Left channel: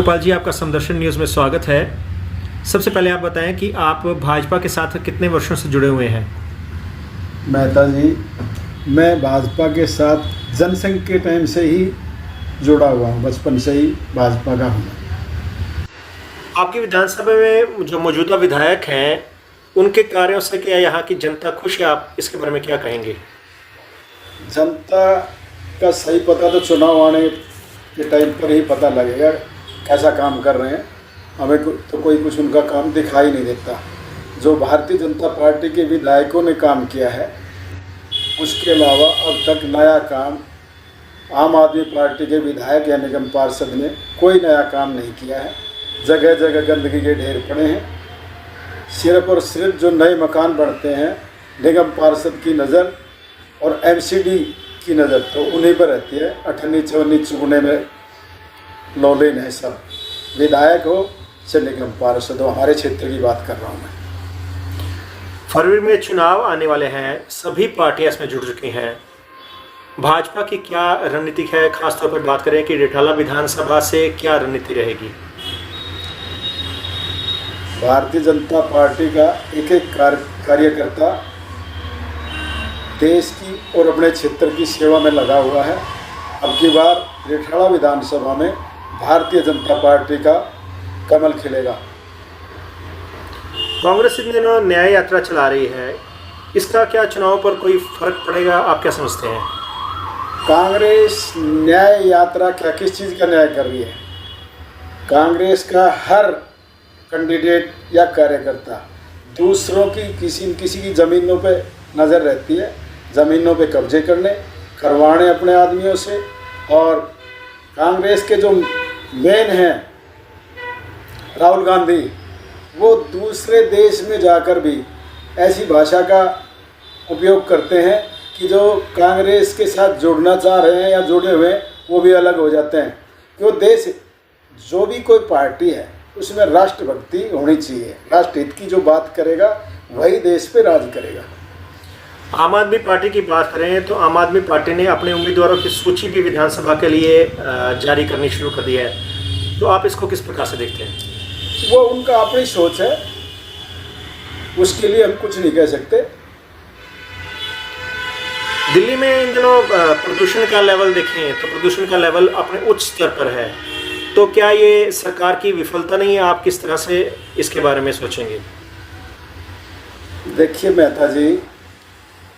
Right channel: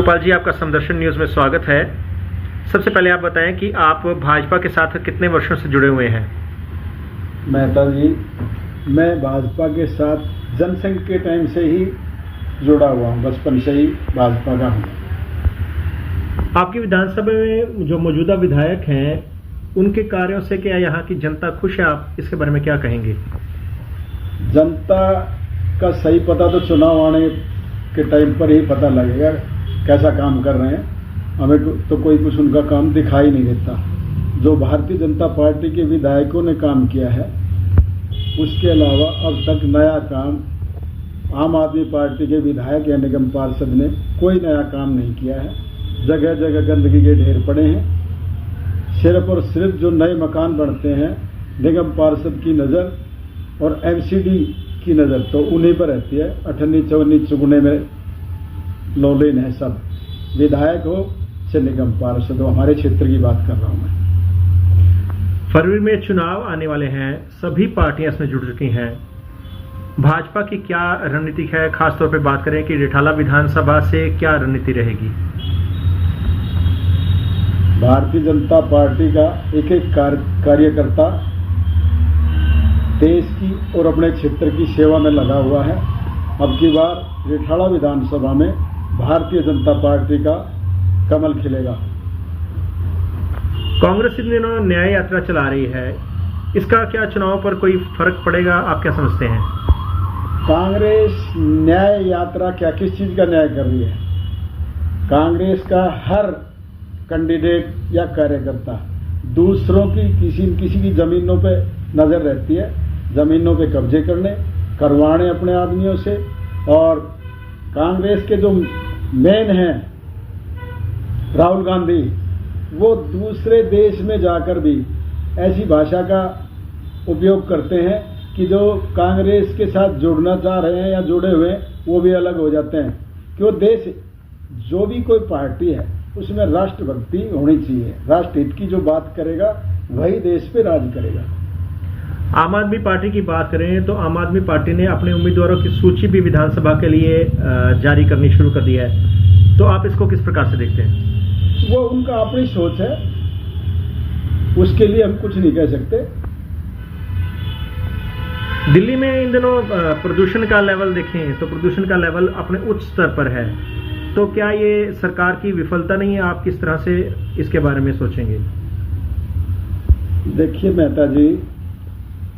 गोपाल जी, आपका समदर्शन न्यूज़ में स्वागत है। सबसे पहले आप बताएं कि आप भाजपा के साथ कितने वर्षों से जुड़े हुए हैं? मेहता जी, मैं भाजपा के साथ जनसंघ के टाइम से ही जुड़ा हुआ हूँ, बचपन से ही भाजपा का हूँ। आपकी विधानसभा में जो मौजूदा विधायक हैं, उनके कार्यों से क्या यहाँ की जनता खुश है? आप इसके बारे में क्या कहेंगे? जनता का सही पता तो चुनाव आने के टाइम पर ही पता लगेगा कैसा काम कर रहे हैं। हमें तो कोई कुछ उनका काम दिखाई नहीं देता। जो भारतीय जनता पार्टी के विधायकों ने काम किया है, उसके अलावा अब तक नया काम आम आदमी पार्टी के विधायक या निगम पार्षद ने कोई नया काम नहीं किया है। जगह जगह गंदगी के ढेर पड़े हैं। सिर्फ और सिर्फ जो नए मकान बनते हैं, निगम पार्षद की नज़र और एमसीडी की नज़र तो उन्हीं पर रहती है। 18 24 चुगने में लौलीन है सब, विधायक हो चाहे निगम पार्षद हो। हमारे क्षेत्र की बात कर रहा हूँ मैं। फरवरी में चुनाव आने वाले हैं, सभी पार्टियां इसमें जुड़ चुकी हैं। भाजपा की क्या रणनीति है? खासतौर पे बात करें कि रिठाला विधानसभा से क्या रणनीति रहेगी? भारतीय जनता पार्टी का एक एक कार्यकर्ता देश की और अपने क्षेत्र की सेवा में लगा हुआ है। अब की बार रिठाला विधानसभा में भारतीय जनता पार्टी का कमल खिलेगा। कांग्रेस इन दिनों न्याय यात्रा चला रही है, इसका क्या चुनाव पर कोई फर्क पड़ेगा? आप क्या समझते हैं? कांग्रेस न्याय यात्रा क्या, किस चीज़ का न्याय कर रही है? कांग्रेस का हर कैंडिडेट या कार्यकर्ता दूसरों की किसी की ज़मीनों पे नज़र रहती है, ज़मीनों पे कब्जे करवाने अपने आदमियों से। और कांग्रेस के जो मेन हैं राहुल गांधी, वो दूसरे देश में जाकर भी ऐसी भाषा का उपयोग करते हैं कि जो कांग्रेस के साथ जुड़ना चाह रहे हैं या जुड़े हुए हैं वो भी अलग हो जाते हैं। क्यों? देश, जो भी कोई पार्टी है उसमें राष्ट्रभक्ति होनी चाहिए। राष्ट्र हित की जो बात करेगा वही देश पे राज करेगा। आम आदमी पार्टी की बात करें तो आम आदमी पार्टी ने अपने उम्मीदवारों की सूची भी विधानसभा के लिए जारी करनी शुरू कर दी है, तो आप इसको किस प्रकार से देखते हैं? वो उनका अपनी सोच है, उसके लिए हम कुछ नहीं कह सकते। दिल्ली में इन दिनों प्रदूषण का लेवल देखें तो प्रदूषण का लेवल अपने उच्च स्तर पर है, तो क्या ये सरकार की विफलता नहीं है? आप किस तरह से इसके बारे में सोचेंगे? देखिए मेहता जी,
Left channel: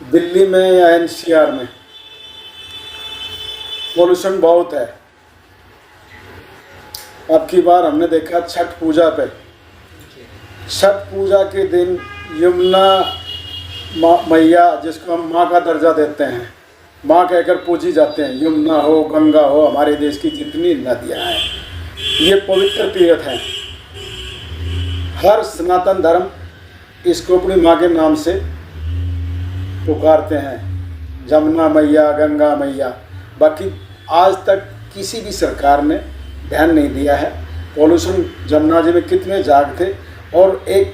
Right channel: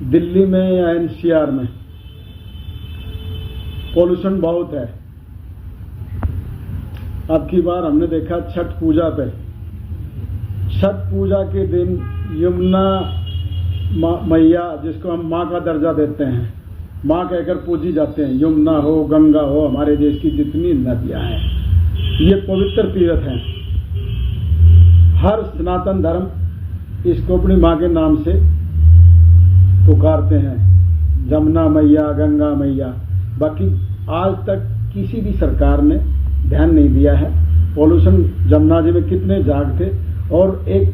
दिल्ली में या एनसीआर में पॉल्यूशन बहुत है। अब की बार हमने देखा छठ पूजा पे, छठ पूजा के दिन यमुना मैया, जिसको हम माँ का दर्जा देते हैं, माँ कहकर पूजी जाते हैं, यमुना हो गंगा हो, हमारे देश की जितनी नदियाँ हैं ये पवित्र तीर्थ हैं। हर सनातन धर्म इसको अपनी माँ के नाम से पुकारते हैं, जमुना मैया, गंगा मैया। बाकी आज तक किसी भी सरकार ने ध्यान नहीं दिया है। पॉल्यूशन, जमुना जी में कितने जाग थे, और एक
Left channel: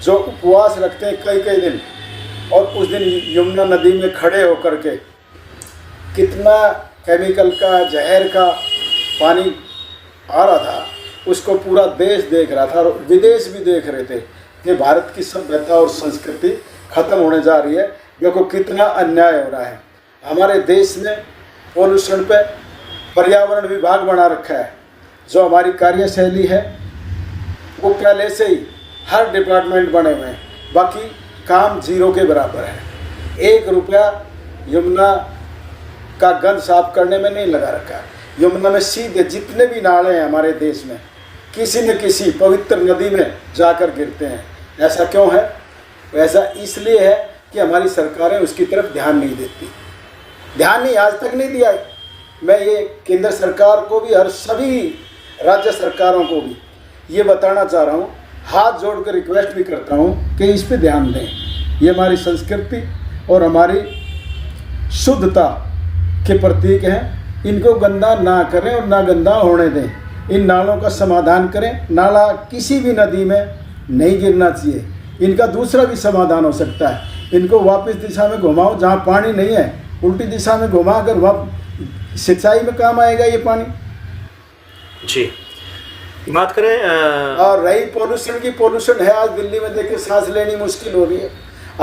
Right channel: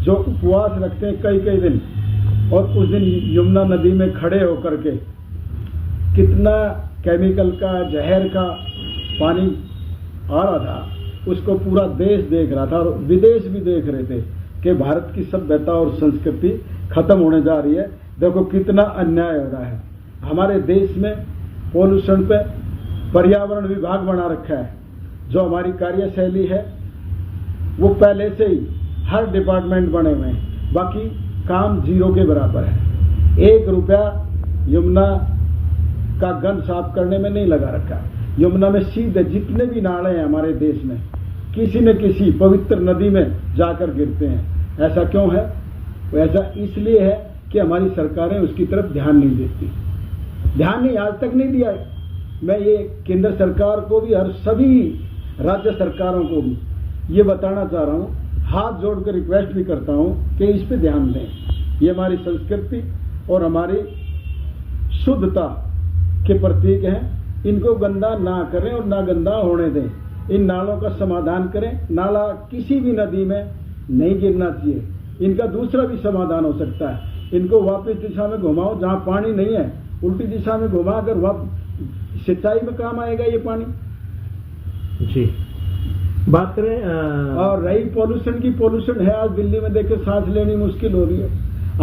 जो उपवास रखते हैं कई दिन, और उस दिन यमुना नदी में खड़े होकर के कितना केमिकल का, जहर का पानी आ रहा था, उसको पूरा देश देख रहा था और विदेश भी देख रहे थे कि भारत की सभ्यता और संस्कृति खत्म होने जा रही है। देखो कितना अन्याय हो रहा है। हमारे देश में पॉल्यूशन पे पर्यावरण विभाग बना रखा है। जो हमारी कार्यशैली है वो पहले से ही हर डिपार्टमेंट बने हुए हैं, बाकी काम जीरो के बराबर है। 1 रुपया यमुना का गंद साफ करने में नहीं लगा रखा है। यमुना में सीधे जितने भी नाले हैं हमारे देश में, किसी न किसी पवित्र नदी में जाकर गिरते हैं। ऐसा क्यों है? ऐसा इसलिए है कि हमारी सरकारें उसकी तरफ ध्यान नहीं देती। ध्यान नहीं, आज तक नहीं दिया। मैं ये केंद्र सरकार को भी और सभी राज्य सरकारों को भी ये बताना चाह रहा हूँ, हाथ जोड़कर रिक्वेस्ट भी करता हूँ कि इस पे ध्यान दें। ये हमारी संस्कृति और हमारी शुद्धता के प्रतीक हैं। इनको गंदा ना करें और ना गंदा होने दें। इन नालों का समाधान करें। नाला किसी भी नदी में नहीं गिरना चाहिए। इनका दूसरा भी समाधान हो सकता है, इनको वापस दिशा में घुमाओ, जहाँ पानी नहीं है उल्टी दिशा में घुमा कर सिंचाई में काम आएगा ये पानी। जी, बात करें और रही पोल्यूशन की, पोल्यूशन है आज दिल्ली में, देखिए सांस लेनी मुश्किल हो रही है।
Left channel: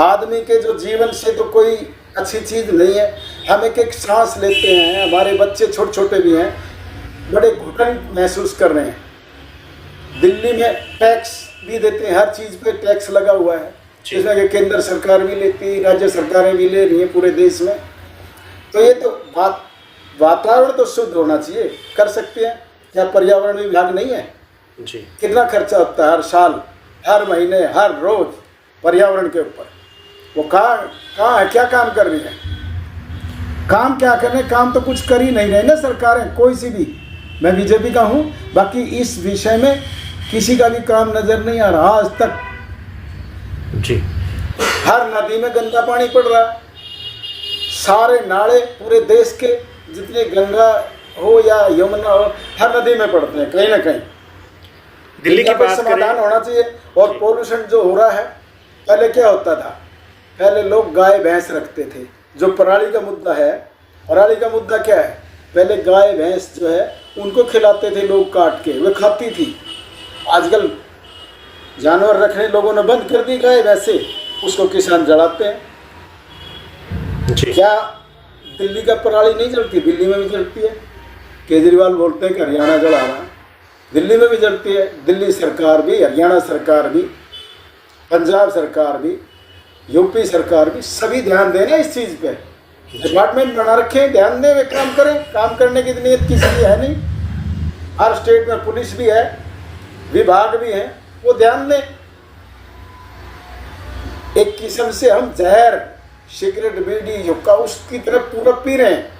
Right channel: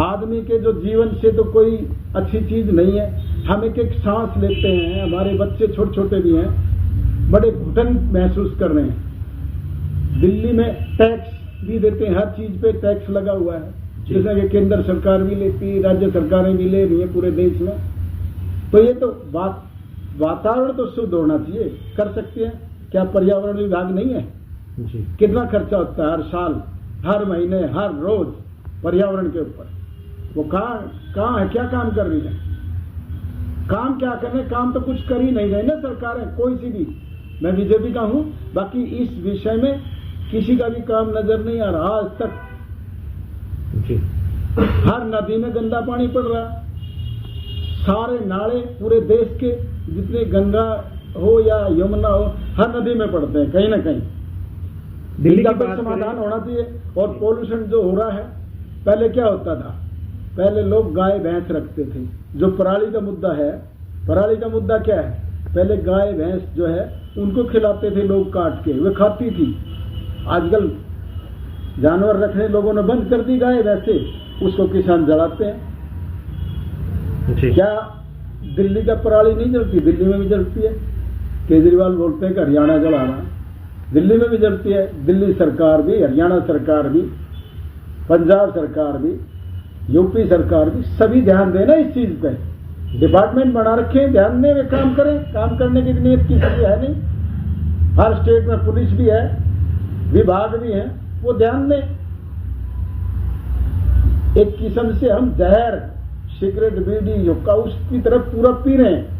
आदमी के जो जीवन से तो कोई अच्छी चीज़ नहीं है। हम एक एक सांस लेते हैं, हमारे बच्चे छोटे छोटे भी हैं, बड़े घुटन महसूस कर रहे हैं। दिल्ली में टैक्स भी देते हैं, हर चीज़ पे टैक्स लगा हुआ है, जिसमें कि केंद्र सरकार भी लेती है, राज्य सरकारें भी ले रही हैं पूरे देश में। तो ये तो वातावरण तो शुद्ध होना चाहिए, कर सकते हैं। क्या पर्यावरण विभाग नहीं है जी? कितना खर्चा होता है हर साल, हर महीने, हर रोज पर्यावरण के ऊपर। वो कहाँ है, क्या काम कर रही है? काम क्या कर रहे हैं? काम तो कुछ कर ही नहीं रहे ना सरकारें, कोई सी भी। मैं बीजेपी का हूँ, बाकी इस विषय में किसी का भी काम नजर नहीं आ रहा आज तक जी। हर नदी में गंदा पानी पड़ रहा है, सारे नाले पूरे देश के जितने गंगा हो या यमुना हो, हर नदी में पड़ते हैं कहीं ना कहीं। दिल्ली की इनका बात समाधान करें, होना चाहिए। और पोल्यूशन जो हो रहा है, पहले क्या होता था? पहले लोग गाय भैंस रखते थे। जो पराली का मुद्दा है, पराली का मुद्दा क्या है? पहले गाय भैंस जो है उनको खिलाते थे लोग काट के, वे खाती थी। आजकल जानवर रखने लोगों ने बंद कर दी गाय भैंसे, उसको किसान जलाते हैं। जी। क्या दिल्ली का पराली नहीं जलती? दिल्ली में भी जलती है। केजरीवाल बोलते हैं कि हरियाणा जला रहा है, दिल्ली में भी जलती है। दिल्ली सरकार भी, हरियाणा सरकार भी, पंजाब सरकार भी, यूपी सरकार भी, सभी ध्यान देना इस चीज़ पे। डिपार्टमेंट बना रखे हैं, ध्यान दें, वे काम करें। काम करने की नीयत किसी की है नहीं। हर स्टेट में पुलिस भी है, विभाग भी है, वो ध्यान दें। एक किस्म से हम जहर, सिगरेट, बीड़ी, हुक्का उसकी तरफ पूरा पी रहे हैं।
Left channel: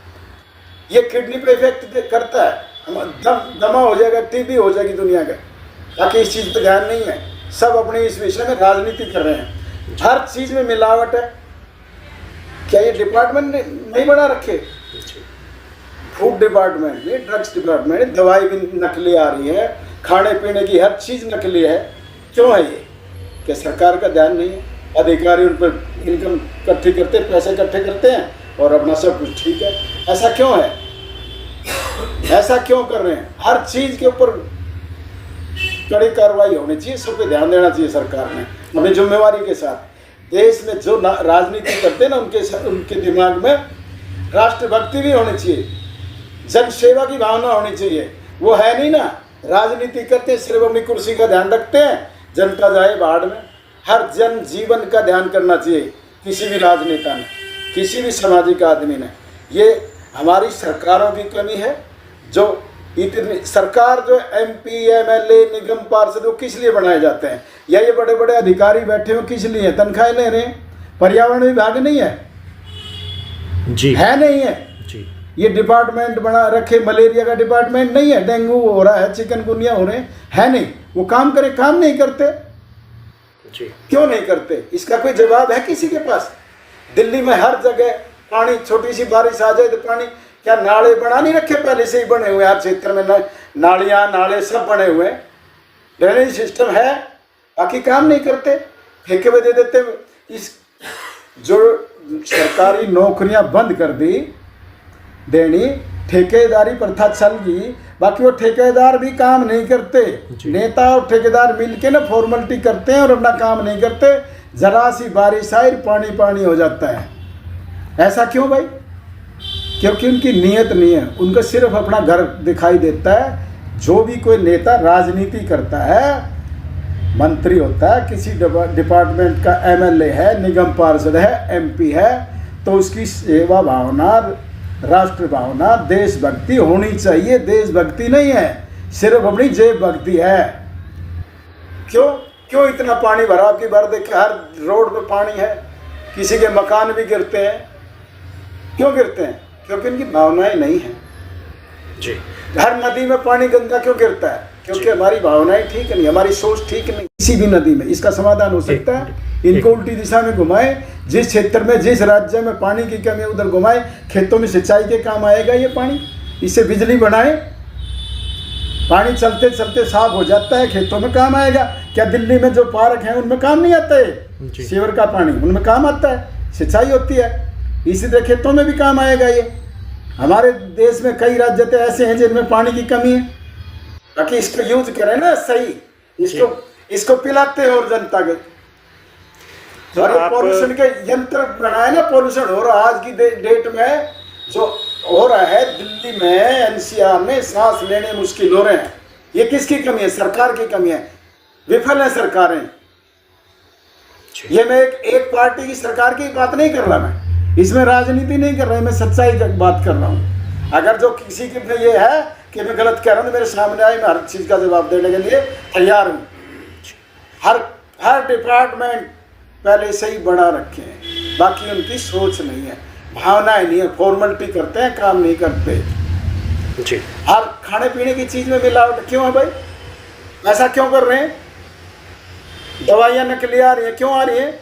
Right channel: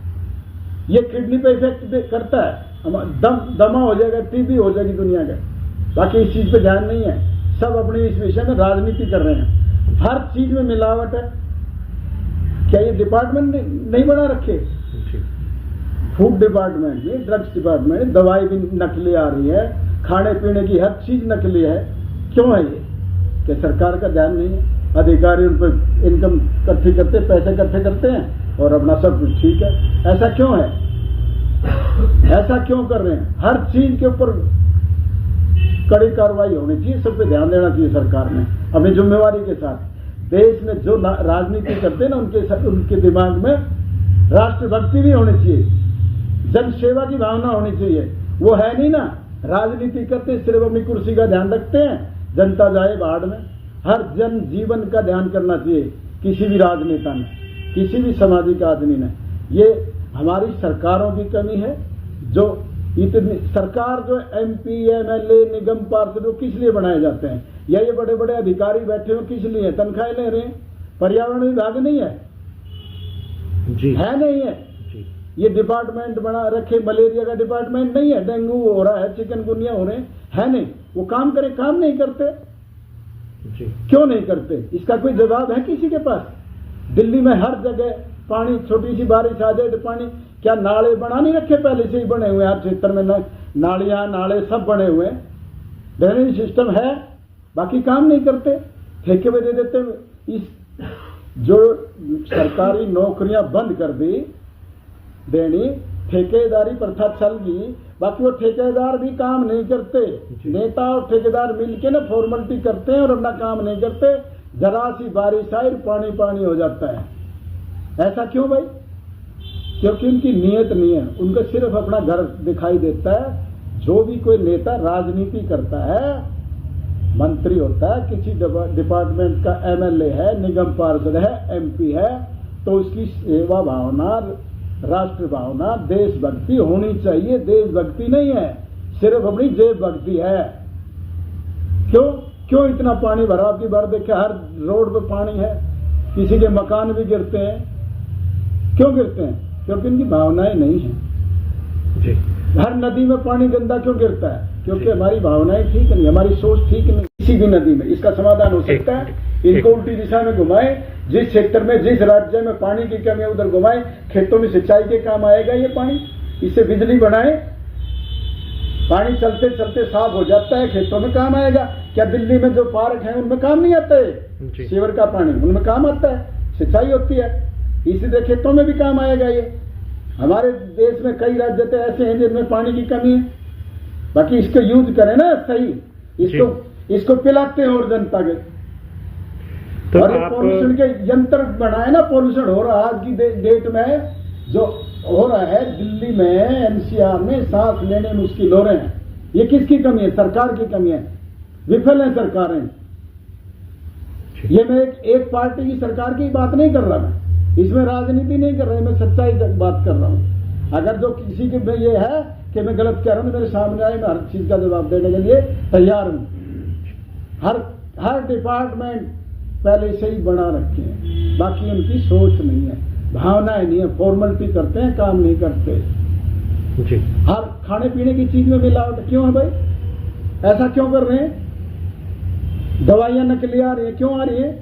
ये किडनी पे इफेक्ट करता है, दमा हो जाएगा, टीबी हो जाएगी दुनिया का। बाकी इस चीज़ पे ध्यान नहीं है। सब अपने इस विषय में राजनीति कर रहे हैं, हर चीज़ में मिलावट है। क्या ये डिपार्टमेंट नहीं बना रखे? फूड डिपार्टमेंट, ये ड्रग्स डिपार्टमेंट, दवाई भी नकली आ रही है, खाने पीने की हर चीज़ नकली है। क्यों है ये? क्या सरकार का ध्यान नहीं है? अधिकारी उन पर इनकम इकट्ठी करते, पैसे इकट्ठे करते हैं और अपना सब कुछ ठीक है। ऐसा क्यों है? ऐसा क्यों कर रहे हैं? हर चीज़ के ऊपर कड़ी कार्रवाई होनी चाहिए, सब पे ध्यान देना चाहिए सरकार ने अपनी जिम्मेवारी के साथ। देश में जो राजनीति करते हैं ना, उनके दिमाग में राष्ट्रभक्ति भी होनी चाहिए, जन सेवा की भावना होनी चाहिए। वो है नहीं ना, राजनीति करते हैं, सिर्फ अपनी कुर्सी का ध्यान रखते हैं, जनता जाए बाढ़ में। हर जन जीवन का ध्यान करना चाहिए किसी भी राजनेता ने, किसी भी सामाजिक आदमी ने। ये हमारी सरकारों की कमी है। जो इतनी सरकार, जो MP, MLA, निगम पार्षद, वो किस लिए बनाए जाते हैं? या ये बड़े बड़े अधिकारी बैठे हो किस लिए? तनख्वाह ले रहे हैं। पर्यावरण विभाग नहीं है जी, है नहीं है जी। ये डिपार्टमेंट बना रखे, मलेरिया का डिपार्टमेंट नहीं है, डेंगू हो रहा है, चिकनगुनिया हो रहे हैं, है नहीं। वो काम करे, काम नहीं करते जी। क्यों नहीं करते? इसका कोई जवाब है किसी के पास? दिल्ली में हर जगह पानी, छोटी सी बारिश आ जाए तो पानी। क्या नाले बना नहीं रखे? पहले से ही बने हुए, हर क्षेत्र में नालियाँ, नाले सब बने हुए, ड्रेनेज सिस्टम है, बाकी काम नहीं करते, ठेके पे दे देते। इस जो सरकारी नौकरियां बंद कर दी देनी, ठेकेदारी प्रथा चल गई, बाकी वो ठेकेदार भी काम नहीं करते। नेता और ठेकेदार मिलके ना फॉर्मेलिटी करते हैं और अपना काम नहीं करते। जरा सी बारिश आई, पानी पानी हो जाता है। ऐसा क्यों भाई? क्योंकि उनकी नीयत नहीं है, उनको सिर्फ अपना घर दिखाई देता है। जो भी कोई नेता राजनीति करता है, मंत्री होता है, किसी डिपार्टमेंट का MLA है, निगम पार्षद है, MP है, तो उसकी सेवा भावना, राष्ट्र भावना, देशभक्ति होनी चाहिए। देशभक्ति नहीं है, सिर्फ अपनी जेब भक्ति है। क्यों इतना पानी भरा? आपकी बार देखे हर रोड पे पानी है, किसी के मकान भी गिरते हैं। क्यों गिरते हैं? क्योंकि उनकी भावनाएं नहीं है जी। हर नदी में पानी गंदा क्यों गिरता है? क्योंकि हमारी भावनाएं ठीक नहीं, हमारी सोच ठीक नहीं। किसी भी नदी में इसका समाधान हो सकता है, इनको उल्टी दिशा में घुमाए। जिस क्षेत्र में, जिस राज्य में पानी की कमी है उधर घुमाए, खेतों में सिंचाई के काम आएगा ये पानी। इससे बिजली बनाए, पानी चलते चलते साफ हो जाता है, खेतों में काम आएगा। क्या दिल्ली में जो पार्क हैं उनमें काम नहीं आता है? सीवर का पानी उनमें काम आता है, सिंचाई होती है, इसी तरह खेतों में भी काम आएगा ये। हमारे देश में कई राज्य तो ऐसे हैं जिनमें पानी की कमी है, बाकी इसको यूज करें ना सही, इसको पिलाते हैं और जनता के। तो और आप पॉल्यूशन के यंत्र बनाए ना, पॉल्यूशन हो रहा आज की डेट में जो हो रहा है दिल्ली में, एनसीआर में सांस लेने मुश्किल हो रहे हैं। ये किसकी कमी है? सरकार की कमी है, विफल है सरकारें। ये मैं एक पार्टी की सरकार की बात नहीं कर रहा, मैं इसमें राजनीति नहीं कर रहा, मैं सच्चाई की बात कर रहा हूँ। अगर जो किसी की ये है कि मैं गलत कह रहा हूँ तो मेरे सामने आए, मैं हर चीज़ का जवाब देने के लिए तैयार हूँ। हर डिपार्टमेंट पहले से ही बना रखे हैं, बाकी उनकी सोच नहीं है, भावनाएं नहीं है, फॉर्मेलिटी करते हैं, काम नहीं करते जी। हर खाने पीने की चीज़ में मिलावट क्यों है भाई? ऐसा क्यों कर रहे हैं? दवाइयाँ नकली आ रही हैं, क्यों आ रही हैं?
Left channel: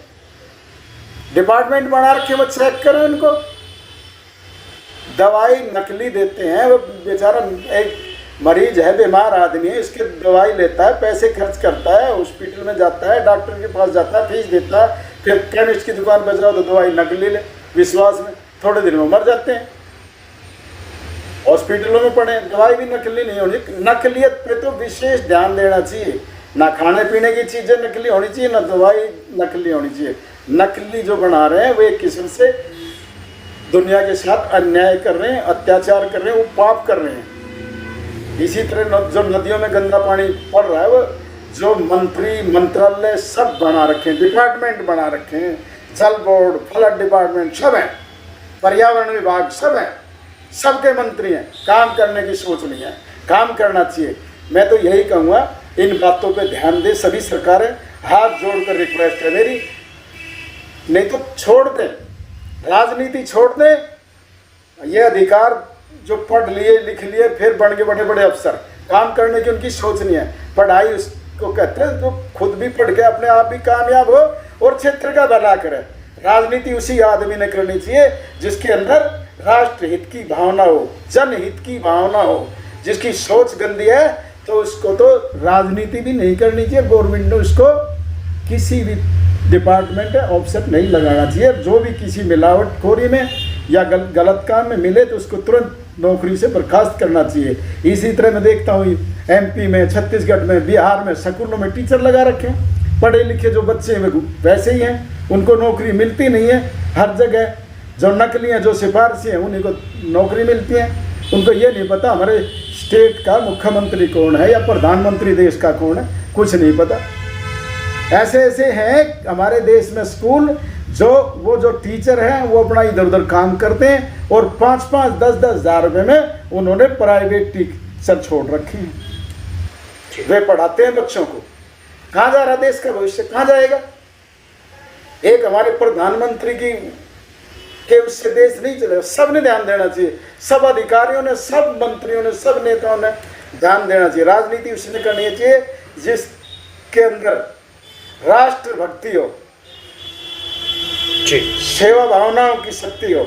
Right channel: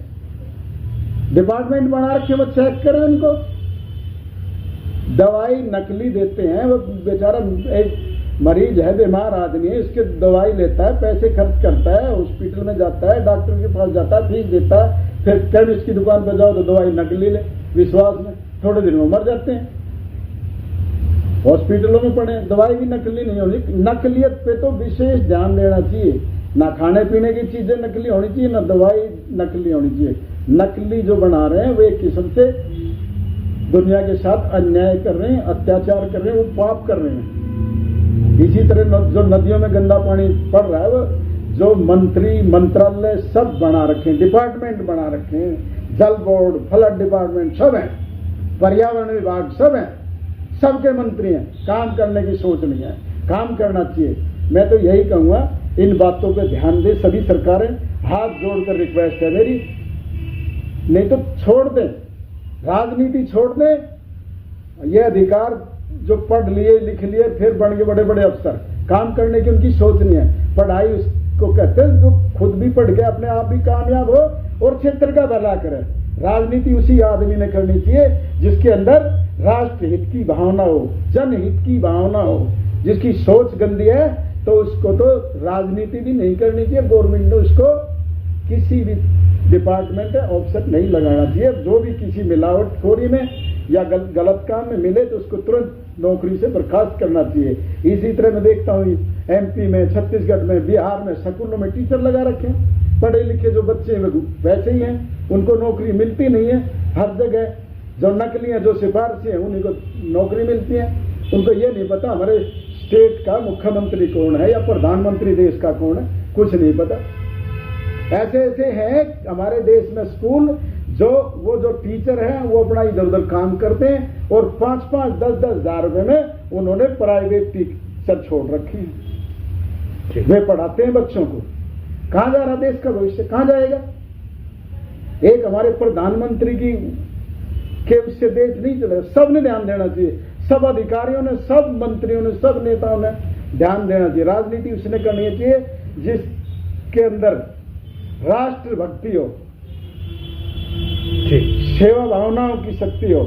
डिपार्टमेंट बना रखे, वो चेक करें उनको। दवाई नकली देते हैं, वो बेचारा एक मरीज है, बीमार आदमी है, इसकी दवाई लेता है, पैसे खर्च करता है, हॉस्पिटल में जाता है, डॉक्टर के पास जाता है, फीस देता है, फिर केमिस्ट की दुकान पर जाओ तो दवाई नकली ले, विश्वास में थोड़े दिन में मर जाते हैं। हॉस्पिटलों में पड़े, दवाई भी नकली नहीं होनी। नकलियत पे तो विशेष ध्यान देना चाहिए, ना खाने पीने की चीज़ें नकली होनी चाहिए, ना दवाई नकली होनी चाहिए। नकली जो बना रहे हैं वो एक किस्म से दुनिया के साथ अन्याय कर रहे हैं, अत्याचार कर रहे हैं, वो पाप कर रहे हैं। इसी तरह जो नदियों में गंदा पानी पड़ रहा है, वो जो मंत्री मंत्रालय सब बना रखे हैं, डिपार्टमेंट बना रखे हैं, जल बोर्ड, फ्लड डिपार्टमेंट सब हैं, पर्यावरण विभाग सब हैं, सबके मंत्री हैं, काम करने की सोच नहीं है। काम करना चाहिए। मैं तो यही कहूँगा, इन बातों पे ध्यान दे सभी सरकारें, हाथ जोड़कर रिक्वेस्ट है मेरी। नहीं तो छोड़ दें, राजनीति छोड़ दें। ये अधिकार जो पढ़ लिए लिख लिए फिर बन गए बड़े बड़े अफसर, काम करने की उनकी सोच नहीं है। पढ़ाई उसको कहते हैं जो खुद भी पढ़ के अपने आप भी कामयाब हो और क्षेत्र का भला करे। राजनीति उसी आदमी ने करनी चाहिए जिसके अंदर राष्ट्र हित की भावना हो, जनहित की भावना हो। जिसकी सोच गंदी है तो उसको तो राजनीति भी नहीं करनी चाहिए। गवर्नमेंट ने उसको किसी भी डिपार्टमेंट है ऑफिसर नहीं लगाना चाहिए। जो भी किसी मिलावटखोरी में या गलत काम में मिले तो उसको तुरंत नौकरी से बर्खास्त करना चाहिए। इसी तरह मैं देखता हूँ एमपी में, छत्तीसगढ़ में, बिहार में स्कूलों में टीचर लगा रखे हैं, पढ़े लिखे जो बच्चे हैं वैसे ही हैं, उनको नौकरी मिलती नहीं है। हर जगह जो नकली हैं, जो सिफारशी हैं, उन्हीं को नौकरी मिलती है। उनको ये नहीं पता हमारे स्टेट का मुख्यमंत्री कौन है या प्रधानमंत्री देश का कौन है, कुछ नहीं पता। ऐसे ऐसे हैं हमारे देश में स्कूल, जो टीचर हैं वो अपना इधर उधर काम करते हैं और 5-5, 10-10 हज़ार रुपये में उन्होंने प्राइवेट टीचर छोड़ रखे हैं। वे पढ़ाते हैं बच्चों को। कहाँ जा रहा देश का भविष्य, कहाँ जाएगा? एक हमारे प्रधानमंत्री के उससे देश नहीं चलेगा। सब ने ध्यान देना चाहिए, सब अधिकारियों ने, सब मंत्रियों ने, सब नेताओं ने ध्यान देना चाहिए। राजनीति उसने करनी चाहिए जिसके अंदर राष्ट्र भक्ति हो, सेवा भावनाओं की शक्ति हो।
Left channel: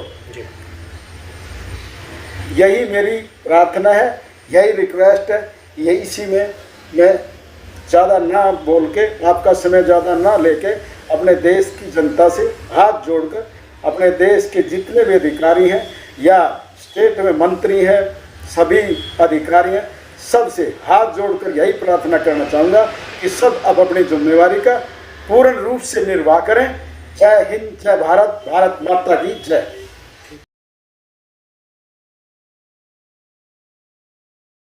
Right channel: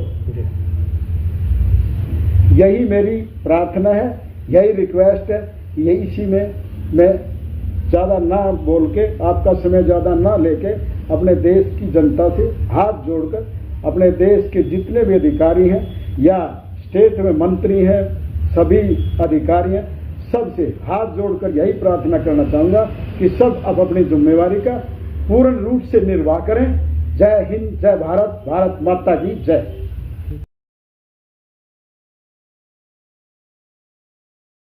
यही मेरी प्रार्थना है, यही रिक्वेस्ट है। यही इसी में मैं ज़्यादा ना बोल के, आपका समय ज़्यादा ना लेके, अपने देश की जनता से हाथ जोड़कर, अपने देश के जितने भी अधिकारी हैं या स्टेट में मंत्री हैं, सभी अधिकारी हैं, सबसे हाथ जोड़कर यही प्रार्थना करना चाहूँगा कि सब अब अपनी जिम्मेवारी का पूर्ण रूप से निर्वाह करें। जय हिंद, जय भारत, भारत माता की जय।